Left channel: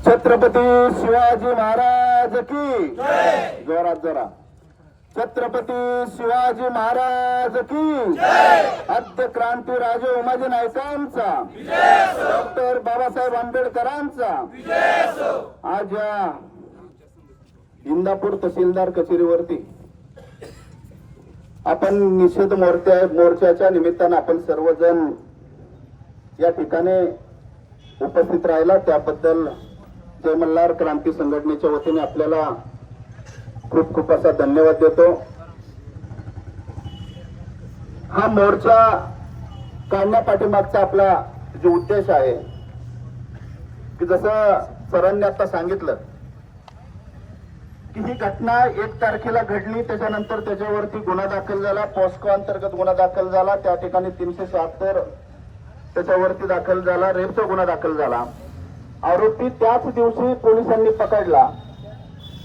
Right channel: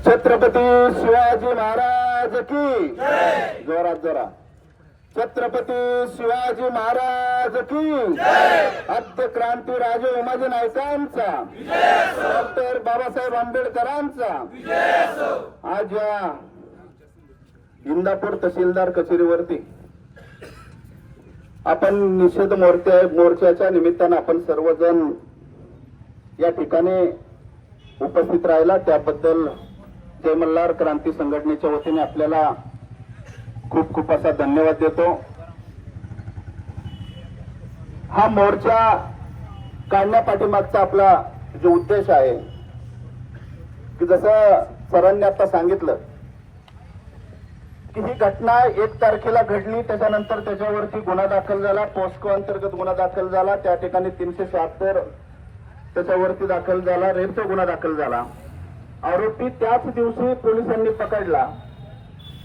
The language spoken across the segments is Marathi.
छत्रपती शिवाजी महाराज की जोरात जोरात. छत्रपती शिवाजी महाराज की आद्य क्रांती राजे उमाजी नायकांचा, डॉक्टर बाबासाहेब आंबेडकरांचा. आज या इंदापूर तहसीलदार कचेरीवरती आपण निषेध मोर्चाच्या निमित्तानं आपण सर्वजण या ठिकाणी उपस्थित राहिला, त्याबद्दल जय मल्हार क्रांती संघटनेच्या वतीने आपल्याला खूप खूप असा धन्यवाद देतो. हा मोर्चा काढण्यापाठीमागचा आपला जो उद्देश आहे की जसं सरांनी आता सांगितलं की ही घटना 1 तारखेला घडली, त्याच्यानंतर त्याच्यावरती गुन्हा दाखल झाला, पॉस्को अंतर्गत गुन्हा दाखल झाला, त्या ठिकाणी 376 त्याच्यावरती दाखल झाला, रेपचा गुन्हा दाखल झाला. आरोपी त्याच दिवशी पोलिसांनी पकडला.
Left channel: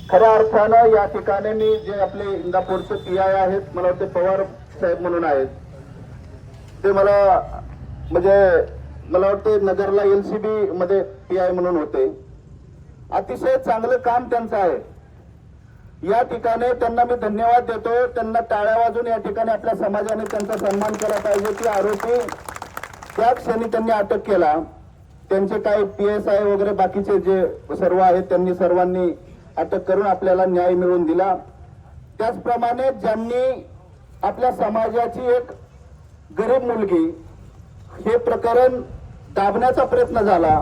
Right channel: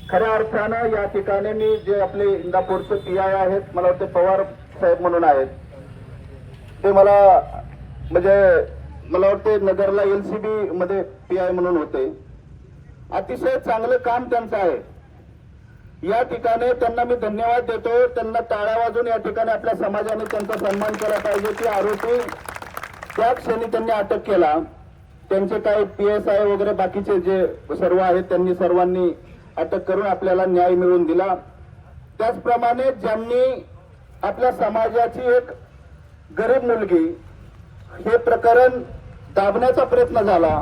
खऱ्या अर्थानं या ठिकाणी मी जे आपले इंदापूरचे पीआय आहेत, मला वाटते पवार साहेब म्हणून आहेत, ते मला वाटते नगरला LCB मध्ये पीआय म्हणून होते. अतिशय चांगलं काम त्यांचं आहे. या ठिकाणी त्यांना मी धन्यवाद देतो. त्यांना टाळ्या वाजून या ठिकाणी आपल्या समाजाने त्यांचा सन्मान केला पाहिजे की आरोपी त्या क्षणी त्यांनी अटक केला. त्यांचे काही PSI वगैरे बाकीचे जे सर्व आहेत त्यांनी सर्वांनी अटक करून आपल्याला न्याय मिळवून दिला. त्याचप्रमाणे ज्यांनी आपल्या समाजाची एक गरीब मुलगी हे प्रकरण दाबण्याचा प्रयत्न झाला,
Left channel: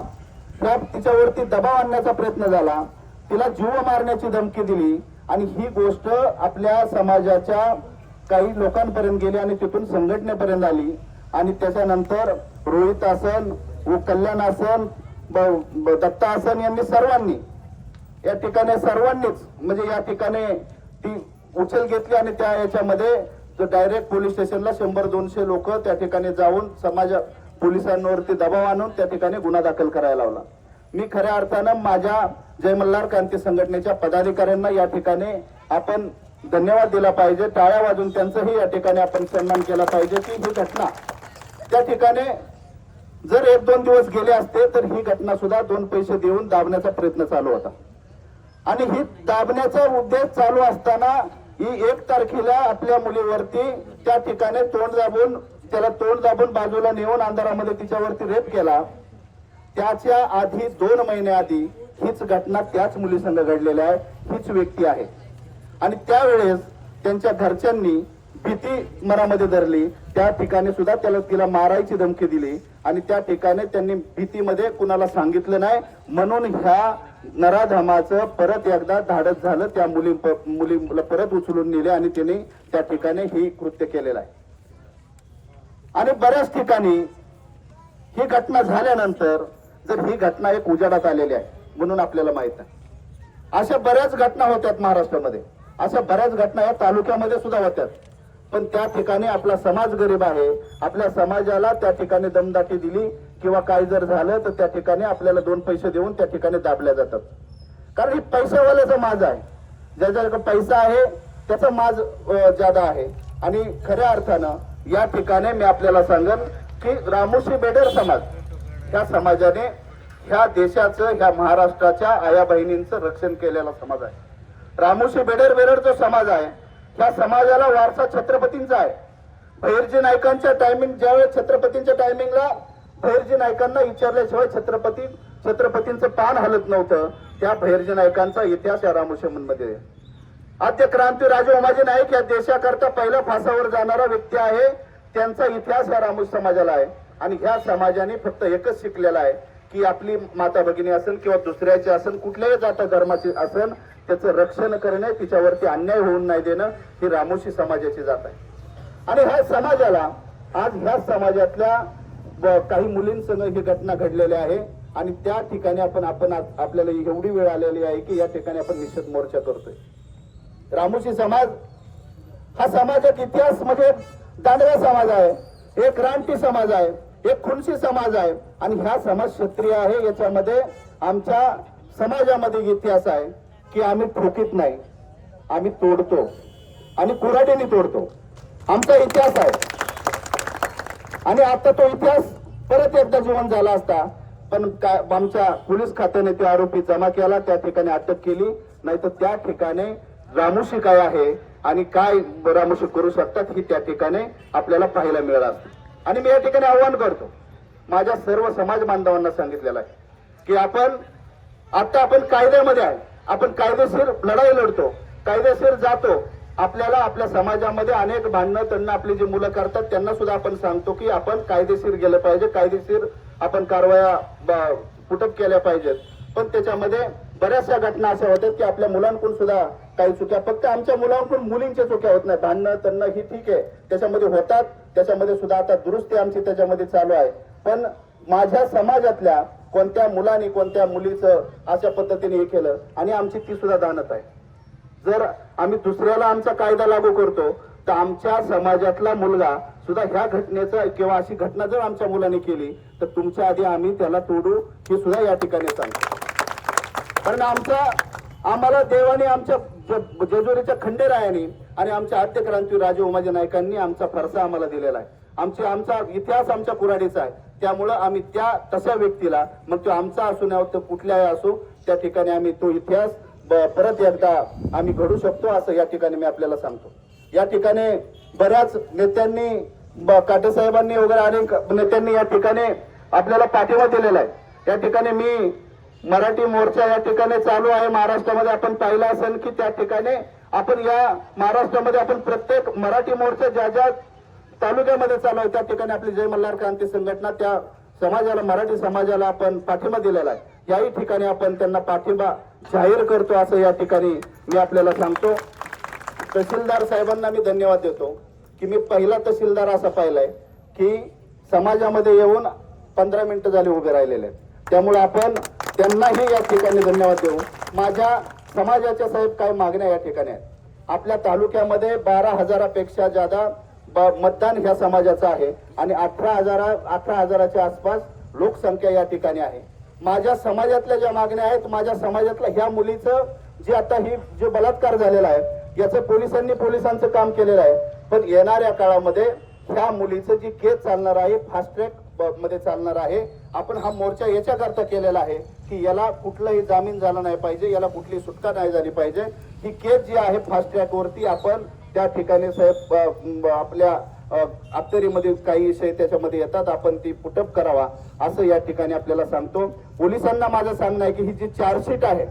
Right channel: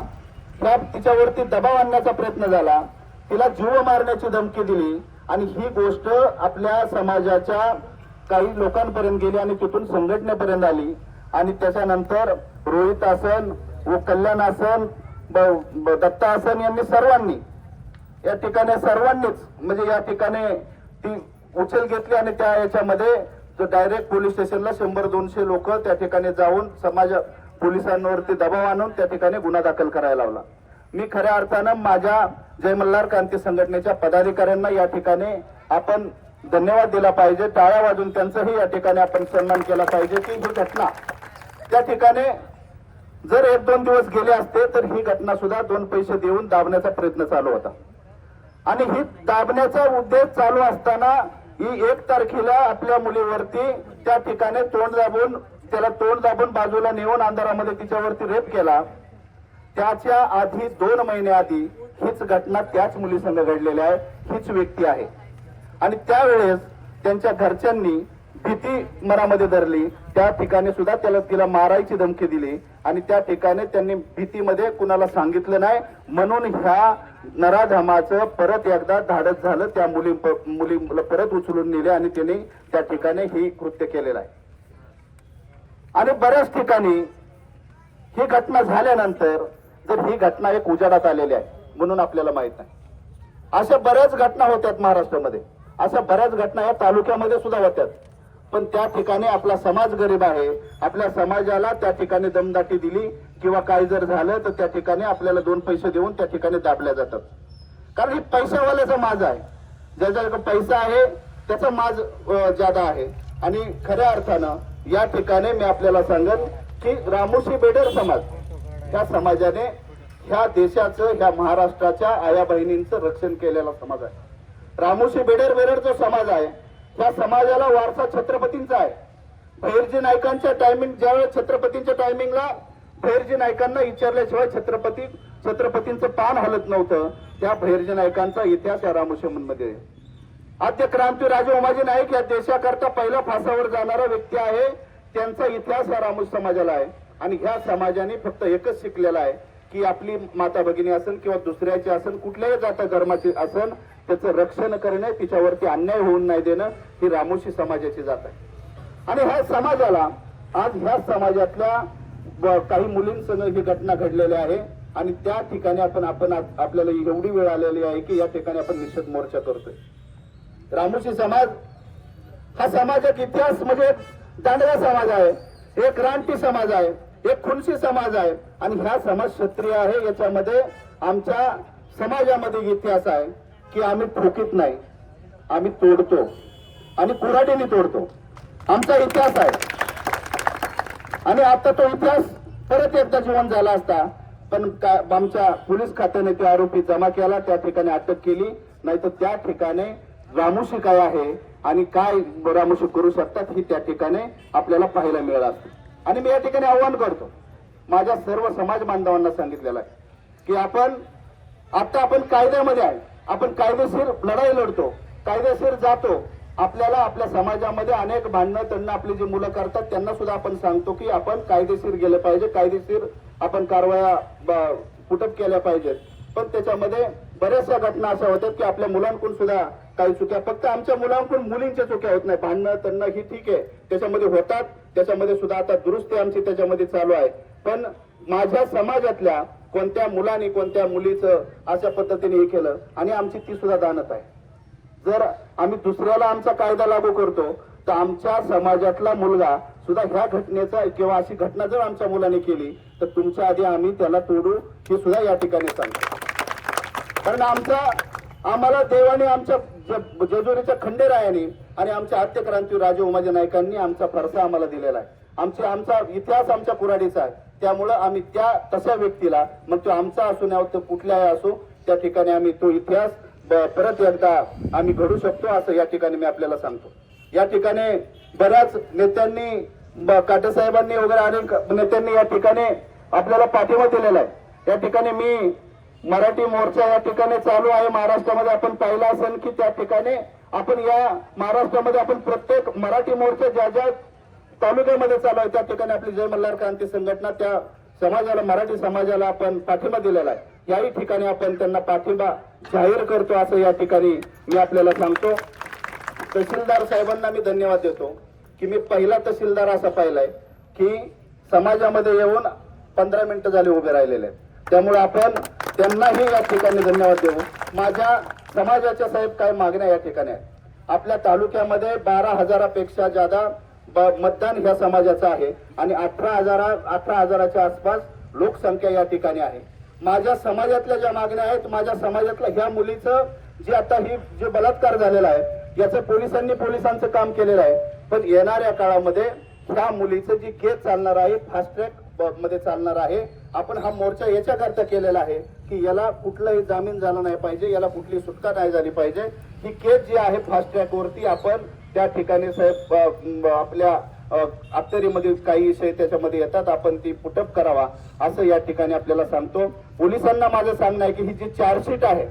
तिच्यावरती दबाव आणण्याचा प्रयत्न झाला, तिला जीव मारण्याची धमकी दिली आणि ही गोष्ट आपल्या समाजाच्या काही लोकांपर्यंत गेली आणि तिथून संघटनेपर्यंत आली. आणि त्याच्यानंतर रोहित आसन व कल्याण आसन दत्ता आसन यांनी सर्वांनी या ठिकाणी सर्वांनीच या ठिकाणी ती उचल घेतली आणि त्या याच्यामध्ये जो डायरेक्ट पोलीस स्टेशनला 100-200 लोक त्या ठिकाणी जाऊन पोलिसांवरती दबाव आणून त्या ठिकाणी गुन्हा दाखल करायला लावला. मी खऱ्या अर्थानं माझ्या जय मल्हार क्रांती संघटनेच्या पदाधिकाऱ्यांना या ठिकाणी आपण धन्यवाद दिला पाहिजे. टाळ्या वाजून त्यांचाही या ठिकाणी आपण सन्मान केला पाहिजे की ही घटना त्या ठिकाणी जर 1-2 दिवस गेले असते तर ही घटना सुद्धा 2 पैसे देऊन दाबण्याचा प्रयत्न चालू होता. आणि ही दाबण्याचा उद्देश चालू असताना ही 1 तारखेला आपल्या मुलीवरती त्या ठिकाणी त्याला तोंड दाबून बाजूला नेऊन अंधारामध्ये तिच्यावरती रेप केला. त्याच्या आधी 2 महिने आधी हीच घटना त्याच मुलीसंग घडलेली आहे, हीच व्यक्ती आहे. आणि त्यावेळेस त्यांच्या घरच्यांनी भीती मनामध्ये धरली, त्या ठिकाणी सुद्धा तिला मारायची धमकी दिली आणि त्या ठिकाणी त्यांनी भीतीमध्ये कुणाला सांगितलं नाही. म्हणून ह्या नराधमाचं परत एकदा धाडस झालं, त्या मुलीला परत उचलून नेले आणि त्यांनी त्या ठिकाणी ही कृत्य केलेलं आहे. आणि बऱ्याच ठिकाणी ही घटना झाल्यानंतर जर ही घटना एक उजेडात आलेली आहे म्हणून आपल्याला माहित आहे. अशा बऱ्याच घटना होत्यात महाराष्ट्रामध्ये, अशा बऱ्याच घटना या तालुक्यामध्ये सुद्धा होत्यात. पण त्या ठिकाणी आपला समाज गरीब आहे, आपल्या समाजाला त्या ठिकाणी दमदाटी दिली किंवा काही जर झालं तर त्या ठिकाणी आपल्याला 2 पैसे देऊन त्या ठिकाणी दाबल्या जातात. कारण ही पैशावाल्याचा माज आहे, ज्याच्याकडे पैसा आहे त्याचा माज ज्यादा आहे. आणि खऱ्या अर्थानं या ठिकाणी मी आपल्याला सांगेन की रामोशी बेडर समाज ह्या समाजाने ह्या देशाचं, ह्या महाराष्ट्राच्या आया बहिणींचं रक्षण केलेला समाज आहे. रामोशी बेडर जो समाज आहे ह्या समाजाला वारसा छत्रपतींचा आहे. भैरजी नायकांच्या ज्यावेळेस छत्रपतींच्या टायमिंगला भैरजी नायकांना विचारल्याशिवाय छत्रपतींचं पान हलत नव्हतं. त्या भैरजी नायकांचा इतिहास या रामोशीमध्ये. आद्य क्रांती राजे उमाजी नाईक या देशाकरता पहिला फासावर जाणारा व्यक्ती आहे, त्यांचा इतिहास या रामोशी समाजाला आहे. आणि ह्या समाजाने फक्त एकच शिकलेला आहे की आपली माता भगिनी असेल किंवा दुसऱ्याचे असेल, कुठल्याही जाता धर्माचे असेल, त्याचं रक्षण करणे, तिच्यावरती अन्याय होऊन नाही देणं ही रामोशी समाजाची जात आहे. आणि ह्या समाजाला आज ह्या समाजातल्या काही मुलींसंग ही घटना घडलेली आहे आणि त्या ठिकाणी आपल्याला एवढी वेळ आलेली आहे की या ठिकाणी आपण निषेध मोर्चा करतोय. रामोशी समाज हा समाज एक इतिहास दांडगा समाज आहे, एक क्रांती समाज आहे, एक खुनशी समाज आहे आणि ह्या समाज क्षत्रिय आहे. याच्यामध्ये आमच्या समाजामध्ये इतिहास आहे की आम्ही ठोकीत नाही, आम्ही तोडतो आणि कुऱ्हाडीने तोडतो, आमचा इतिहास आहे. आणि आता तो इतिहास परत एकदा जिवंत झाला असता पण आमच्या पोलीस खात्याने ते आरोपी जमा केला, त्या ठिकाणी अटक केली. नाही तर त्या ठिकाणी रामोशी काय आहे आणि काय रामोशी करू शकतात ही त्या ठिकाणी आपल्याला पाहायला मिळालं असतं. आणि मी या ठिकाणी आव्हान करतो, माझ्या सर्व समाज बांधवांना सांगितलेलं आहे की आपण कायद्यामध्ये आहे, आपण कायदेशीर लढाई लढतो, कायदेशीर जातो. आपल्याला आपल्या समाजामध्ये अनेक भांडणं त्यांना आपली जी मुलं करतात त्यांना सुद्धा आपण सांगतो की आपण कायदेशीर गेलं पाहिजे, कायदेशीर आपण कारवाया पुटअप केल्या पाहिजेत. पण त्याच्यामध्ये बऱ्याचशा घटना अशा होतात की आपल्या मुलांकडून सुद्धा काही चुक्या, फक्त आमच्या मुलांकडून मुलींच्या चुक्या होत नाही. भांडणं त्यांना ही ठीक आहे, त्याच्यामध्ये होतात, त्याच्यामध्ये सुद्धा आता दुरुस्ती आमची त्याच्यामध्ये चालू आहे. पण माझ्या समाजातल्या कोणत्या मुलांनी कोणत्या मुलीचं अशा पद्धतीने हे केलं आणि आमची ती सुद्धा दानत आहे. जर आम्ही दुसऱ्याला आमचा कायदा लागू करतो तर आमच्या समाजातला मुलगा सुद्धा ह्या घटनेचा किंवा अशी घटना जर आमच्या मुलाने केली तर तुमच्या आधी आम्ही त्याला तोडू हे सुद्धा या ठिकाणी सांगतो. कारण आम्हाला देवाने आमच्या जेजुरीच्या खंडेरायाने आणि आमच्या आद्य क्रांती राजे उमाजी नायकांनी आमचा फरसा आम्हाला दिलेला आहे. आमचा इतिहास आमच्या कुऱ्हाडीचा आहे. त्यामुळं आम्ही त्या तशा व्यक्तीला, मग तो आमचा असू नाही तर कुठल्याही असो, त्या ठिकाणी आम्ही तो इतिहास परत एकदा आम्ही घडू शकतो असं या ठिकाणी मी आपल्याला सांगतो. या ठिकाणी बऱ्याच नेत्यांनी, काटे साहेबांनी वगैरे अनेक नेत्यांनी या ठिकाणी आपल्याला पाठिंबा दिलेला आहे. या ठिकाणी मी मराठी मोर्चा या ठिकाणी चालू आहे महाराष्ट्रामध्ये. आपण पाहिलं असेल की त्या ठिकाणी आपण या महाराष्ट्रामध्ये आपण प्रत्येक मराठी मोर्चा ज्या ज्या तालुक्यामध्ये चालू आहे त्या ठिकाणी आपली जय मल्हार क्रांती संघटना त्या समाजाला, मराठी समाजाला आपण पाठिंबा दिलेला आहे. याही ठिकाणी आपण त्यांना पाठिंबा जाहीर करतो असं या ठिकाणी मी आपल्याला सांगतो. तहसीलदार साहेबांना मी धन्यवाद देतो की मी पहिला तहसीलदार असा पाहिलाय की समाजामध्ये येऊन 15 मिनिटं झाली उभे राहिलेले आहेत. त्यामुळे आपण त्यांनाही या ठिकाणी धन्यवाद देऊ. माझ्या समाजाच्या साहेब काय मागण्या या ठिकाणी आहेत. आपल्या तालुक्यामध्ये 12,000पेक्षा जादा मतदान ह्या समाजाचं आहे आणि 18,000च्या आसपास लोकसंख्या या ठिकाणी आहे. माझ्या समाजातल्या ज्या मागण्या आहेत, माझ्या समाजातल्या ह्या मुलीचं जे आता ही जो बलात्कार झालेला आहे याचं पोलिसांचं काम केलेलं आहे. पण येणाऱ्या काळामध्ये ह्या मुलीचं जी केस चालणार आहे, फास्ट ट्रॅक मध्ये चालणार आहे. आपण हा मोर्चा याच्याकरता केलेला आहे की याला कुठलाही जामीन झाला नाही पाहिजे, याला कुठली सुटका नाही झाली पाहिजे. ही केस जी आहे फास्ट ट्रॅक वरती आपण त्या ठिकाणी साहेब आपल्या अखत्यारीमध्ये काही विषय त्याच्यामध्ये येतात, आपण ती पुटअप करावा असं या ठिकाणी आपल्याला सांगतो. पोलिसांना माझं सांगणं आहे की ही जी चार्जशीट आहे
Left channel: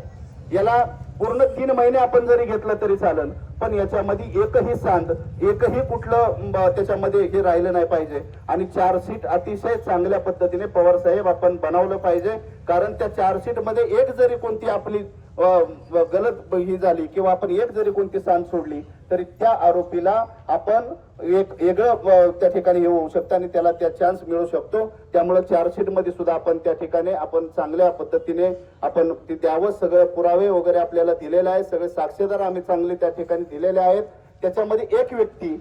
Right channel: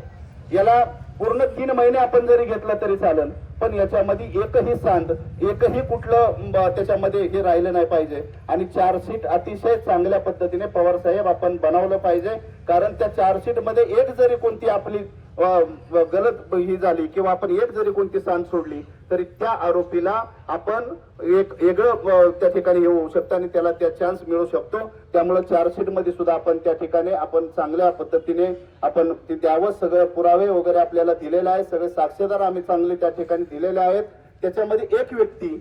याला पूर्ण 3 महिने आपण जरी घेतलं तरी चालेल, पण याच्यामध्ये एकही सांड, एकही कुठलं त्याच्यामध्ये हे राहिलं नाही पाहिजे. आणि चार्जशीट अतिशय चांगल्या पद्धतीने पवार साहेब आपण बनवलं पाहिजे. कारण त्या चार्जशीट मध्ये एक जरी कोणती आपली गलत ही झाली किंवा आपण एक जरी कोणती सांड सोडली तरी त्या आरोपीला आपण एक वेगळं त्या ठिकाणी हे होऊ शकतं आणि त्याला त्या चान्स मिळू शकतो. त्यामुळे चार्जशीट मध्ये सुद्धा आपण त्या ठिकाणी आपण चांगल्या पद्धतीने आपण ते द्यावं. सगळे पुरावे वगैरे आपल्याला दिलेले आहेत, सगळे साक्षीदार आम्ही चांगले त्या ठिकाणी दिलेले आहेत. त्याच्यामध्ये एक व्यक्ती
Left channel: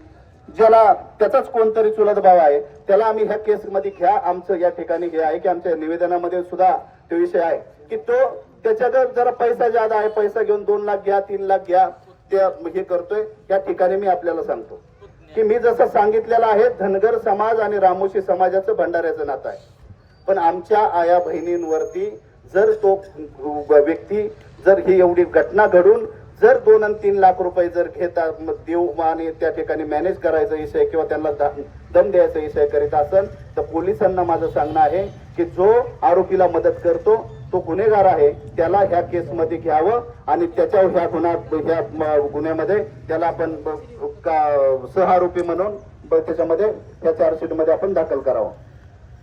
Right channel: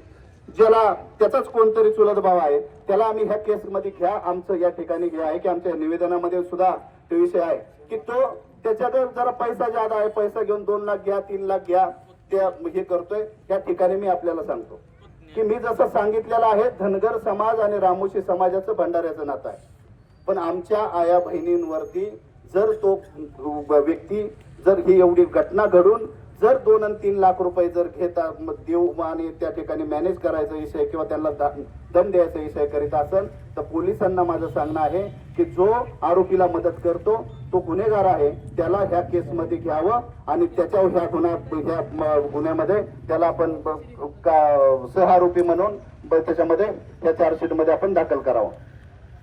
ज्याला त्याचाच कोणतरी चुलत भाव आहे त्याला आम्ही ह्या केसमध्ये घ्या. आमचं या ठिकाणी हे आहे की आमच्या निवेदनामध्ये सुद्धा तो विषय आहे की तो त्याच्याकडे जरा पैसा ज्यादा आहे, पैसा घेऊन 2 लाख घ्या, 3 लाख घ्या, ते हे करतोय. त्या ठिकाणी मी आपल्याला सांगतो की मी जसं सांगितलेलं आहे, धनगर समाज आणि रामोशी समाजाचं भंडाऱ्याचं नातं आहे. पण आमच्या आया बहिणींवरती जर तो व्यक्ती जर ही एवढी घटना घडून जर 2 आणि 3 लाख रुपये जर घेतात देऊ आणि त्या ठिकाणी मॅनेज करायचा विषय किंवा त्यांना दम द्यायचा विषय करीत असेल तर पोलिसांना माझं सांगणं आहे की जो आरोपीला मदत करतो तो गुन्हेगार आहे, त्याला ह्या केसमध्ये घ्यावं आणि त्याच्या ह्या गुन्ह्यामध्ये त्याला आपण सहआरोपी म्हणून त्याच्यामध्ये त्या चार्जशीट मध्ये आपण दाखल करावं.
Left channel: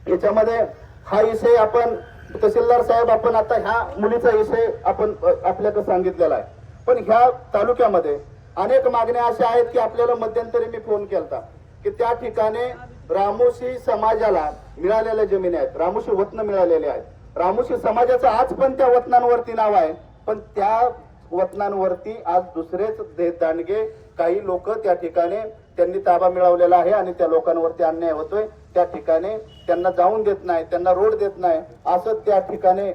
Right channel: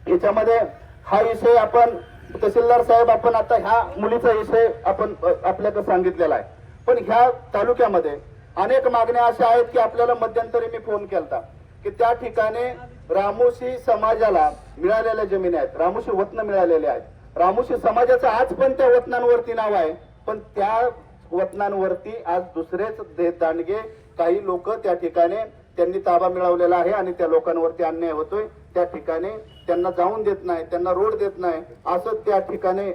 याच्यामध्ये हा विषय आपण तहसीलदार साहेब आपण आता ह्या मुलीचा विषय आपण आपल्याकडे सांगितलेला आहे. पण ह्या तालुक्यामध्ये अनेक मागण्या अशा आहेत की आपल्याला मध्यंतरी मी फोन केलता की त्या ठिकाणी रामोशी समाजाला मिळालेल्या जमिनी आहेत, रामोशी वतन मिळालेले आहेत. रामोशी समाजाचं आज पण त्या वतनांवरती नाव आहे, पण त्या वतनांवरती आज दुसरेच दांडगे काही लोक त्या ठिकाणी त्यांनी ताबा मिळवलेला आहे आणि त्या लोकांवरती अन्याय होतोय. त्या ठिकाणी त्यांना जाऊन देत नाही, त्यांना रोड देत नाही, असं त्या ठिकाणी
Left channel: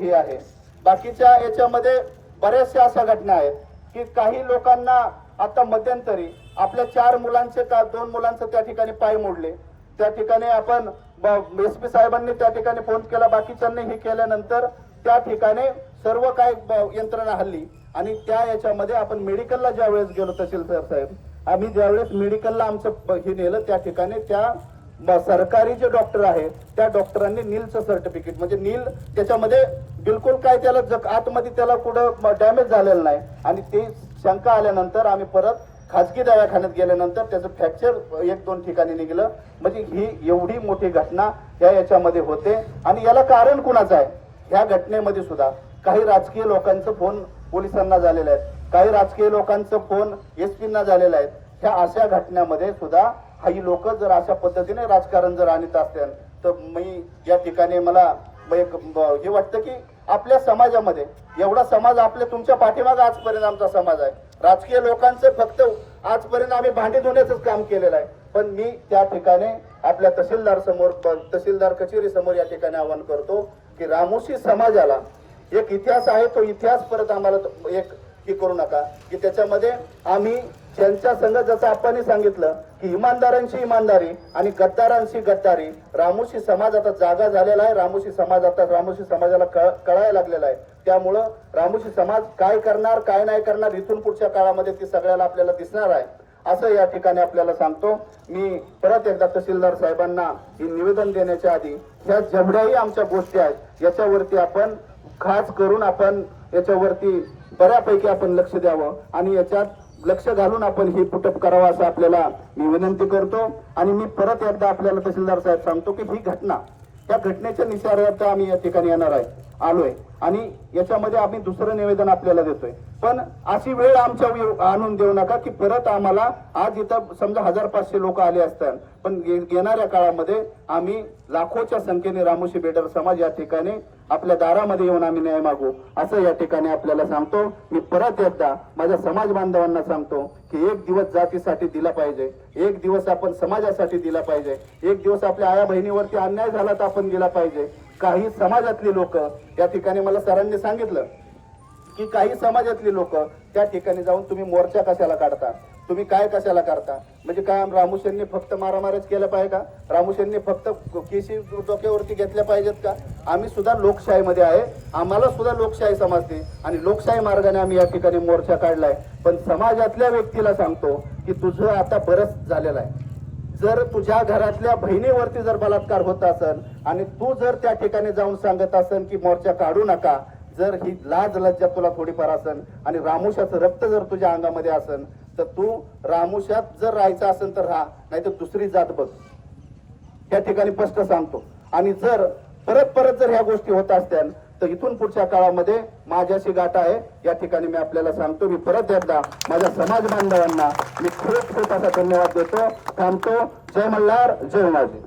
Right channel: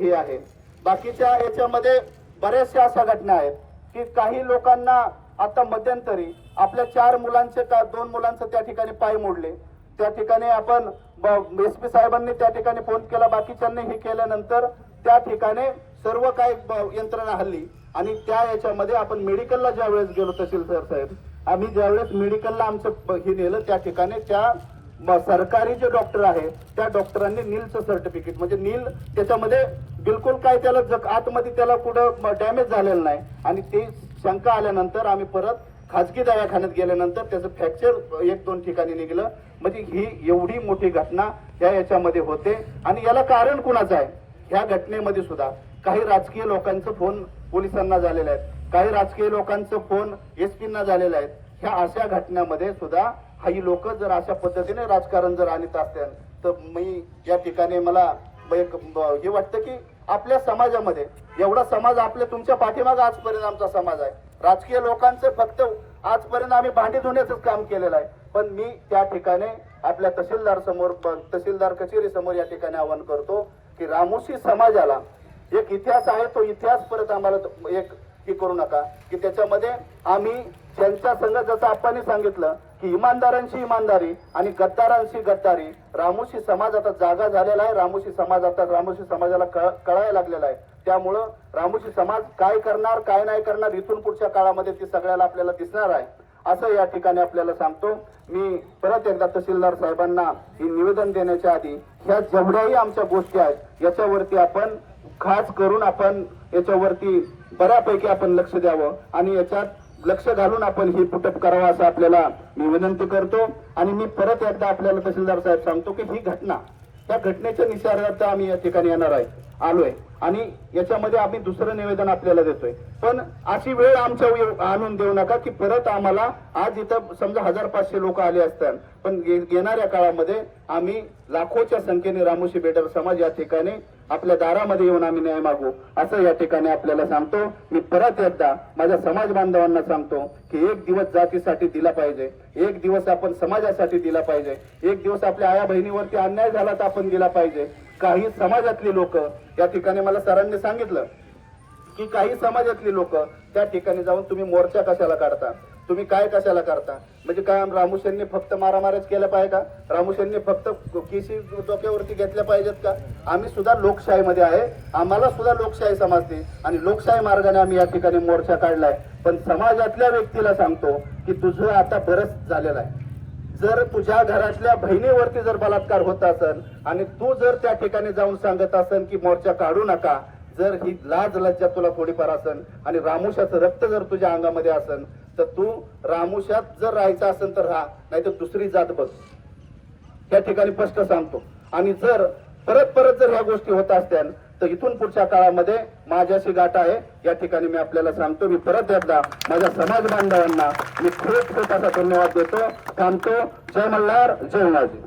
हे आहे. बाकीच्या याच्यामध्ये बऱ्याचशा अशा घटना आहेत की काही लोकांना आता मध्यंतरी आपल्या 4 मुलांचे का 2 मुलांचे त्या ठिकाणी पाय मोडले. त्या ठिकाणी आपण SP साहेबांनी त्या ठिकाणी फोन केला, बाकीच्यांनी हे केल्यानंतर त्या ठिकाणी सर्व काय यंत्रणा हल्ली आणि त्या याच्यामध्ये आपण मेडिकलला ज्या वेळेस गेलो तहसीलदार साहेब, आम्ही ज्यावेळेस मेडिकलला आमचं हे नेलं त्या ठिकाणी त्या सरकारी जे डॉक्टर आहे त्या डॉक्टरांनी नीलचं सर्टिफिकेट म्हणजे नील त्याच्यामध्ये बिलकुल काय त्याला आतमध्ये त्याला कुठं डॅमेज झालेलं नाही आणि ते शंका आल्यानंतर आम्ही परत खाजगी दवाखान्यात गेल्यानंतर त्याचं फ्रॅक्चर 1-2 ठिकाणी निघलं. म्हणजे ही एवढी मोठी घटना याच्यामध्ये होते आणि याला कारण कुणाचं आहे? ह्या घटनेमध्ये सुद्धा काही राजकीय लोकांचं फोन पोलिसांना झालेले आहेत, काही राजकीय लोकांचं फोन SP-ना झालेला आहे. ह्या अशा घटनेमध्ये सुद्धा काही लोक जर अशा पद्धतीने राजकारण जर आणत असतील तर मी या ठिकाणी मला हे वाटतं की आपल्या समाजामध्ये एवढा समाज आपल्या तुमच्या पाठीमागे आजपर्यंत आमचा समाज आहे. राजकीय लोकांचं फक्त आजपर्यंत आम्ही भांडी धुण्याचं काम केलेलं आहे. पण मी त्या ठिकाणी आपल्या तहसीलदार कचेरी समोर या ठिकाणी आवाहन करतो की रामोशी समाजाला एक इतिहास आहे, तो इतिहास परत आम्हाला एक की करू नका की त्याच्यामध्ये आम्ही त्यांच्या संघ जसं आपण सांगितलं की इमानदारांची इमानदारी आणि गद्दारांची गद्दारी. रामोशी समाज आता जागा झालेला आहे, रामोशी समाजाला कळायला लागलेला आहे. त्यामुळं रामोशी समाज काय करणार काय नाही करणार इथून पुढच्या काळामध्ये ती सगळ्याला आपल्याला दिसणार आहे असं या ठिकाणी आपल्याला सांगतो. मी परत एकदा तहसीलदार साहेबांना ही निवेदन देण्याच्या आधी ह्या जेवढ्याही आमच्या गोष्टी आहेत याच्यावरती आपण खास करून आपण याच्यावरती बऱ्यापैकी आपण लक्ष द्यावं आणि याच्यात लक्ष घालून आपण ही पुटअप करावं असं आपल्याला मी विनंती करतो. आणि मी परत एकदा आपल्याला तहसीलदार साहेब सांगतो की ही घटना त्या घटनेच्या निषेधार्थ आम्ही या ठिकाणी येणार आलोय आणि याच्यामध्ये आम्ही दुसरं निवेदन आपल्याला देतोय. पण अशी वेळ आमच्या आणून देऊ नका की परत आम्हाला आज इथं समजा 1500 लोक आले असतात पण येणाऱ्या काळामध्ये आम्ही लाखोच्या संख्येने रामोशी बेडर समाज या ठिकाणी आपल्या दारामध्ये येऊन आम्ही न्याय मागू असं या ठिकाणी आपल्याला सांगतो. मी परत एकदा माझ्या समाज बांधवांना सांगतो की एक दिवस जातीसाठी दिला पाहिजे, एक दिवस आपण समाजासाठी दिला पाहिजे, एक दिवस आपल्या आया बहिणीवरती अन्याय झाला तर आपण दिला पाहिजे. काही समाजातली लोक या ठिकाणी मला सरांनी सांगितलं की काही समाजातली लोक त्या ठिकाणी जाऊन तुम्ही मोर्चा कशाला काढता, तुम्ही काय कशाला करता, म्हणजे काय रामोशींनी फक्त मारामारच केलं पाहिजे का, रामोशींनी फक्त केसी डोक्यावरती घेतल्या पाहिजेत का? आम्ही सुद्धा लोकशाहीमध्ये आहे, आम्हाला सुद्धा लोकशाही समजते आणि लोकशाही मार्गाने आम्ही या ठिकाणी मोर्चा काढलाय. पण समाजातल्या व्यक्तीला सांगतो की तुझं आता बरंच झालेलं आहे. जर तुझ्या घरातल्या बहिणीवरती जर बलात्कार होत असेल आणि तू जर त्या ठिकाणी जाऊन सांगत असेल की मोर्चा काढू नका, जर ही लाज लज्जा तुला थोडीफार असेल आणि रामोशाचं रक्त जर तुझ्या अंगामध्ये असेल तर तू रामोशात जर राहायचं असेल तर राहा, नाही तर दुसरी जात बघ. त्या ठिकाणी स्पष्ट सांगतो. आणि जर परत जर ह्या गोष्टी होत असत्या तर इथून पुढच्या काळामध्ये माझ्याशी गाठ आहे या ठिकाणी मी आपल्याला सांगतो. मी परत एकदा माझ्या समाज बांधवांना मी खूप असा धन्यवाद देतो. थांबतो. जय मल्हार, जय उमाजी.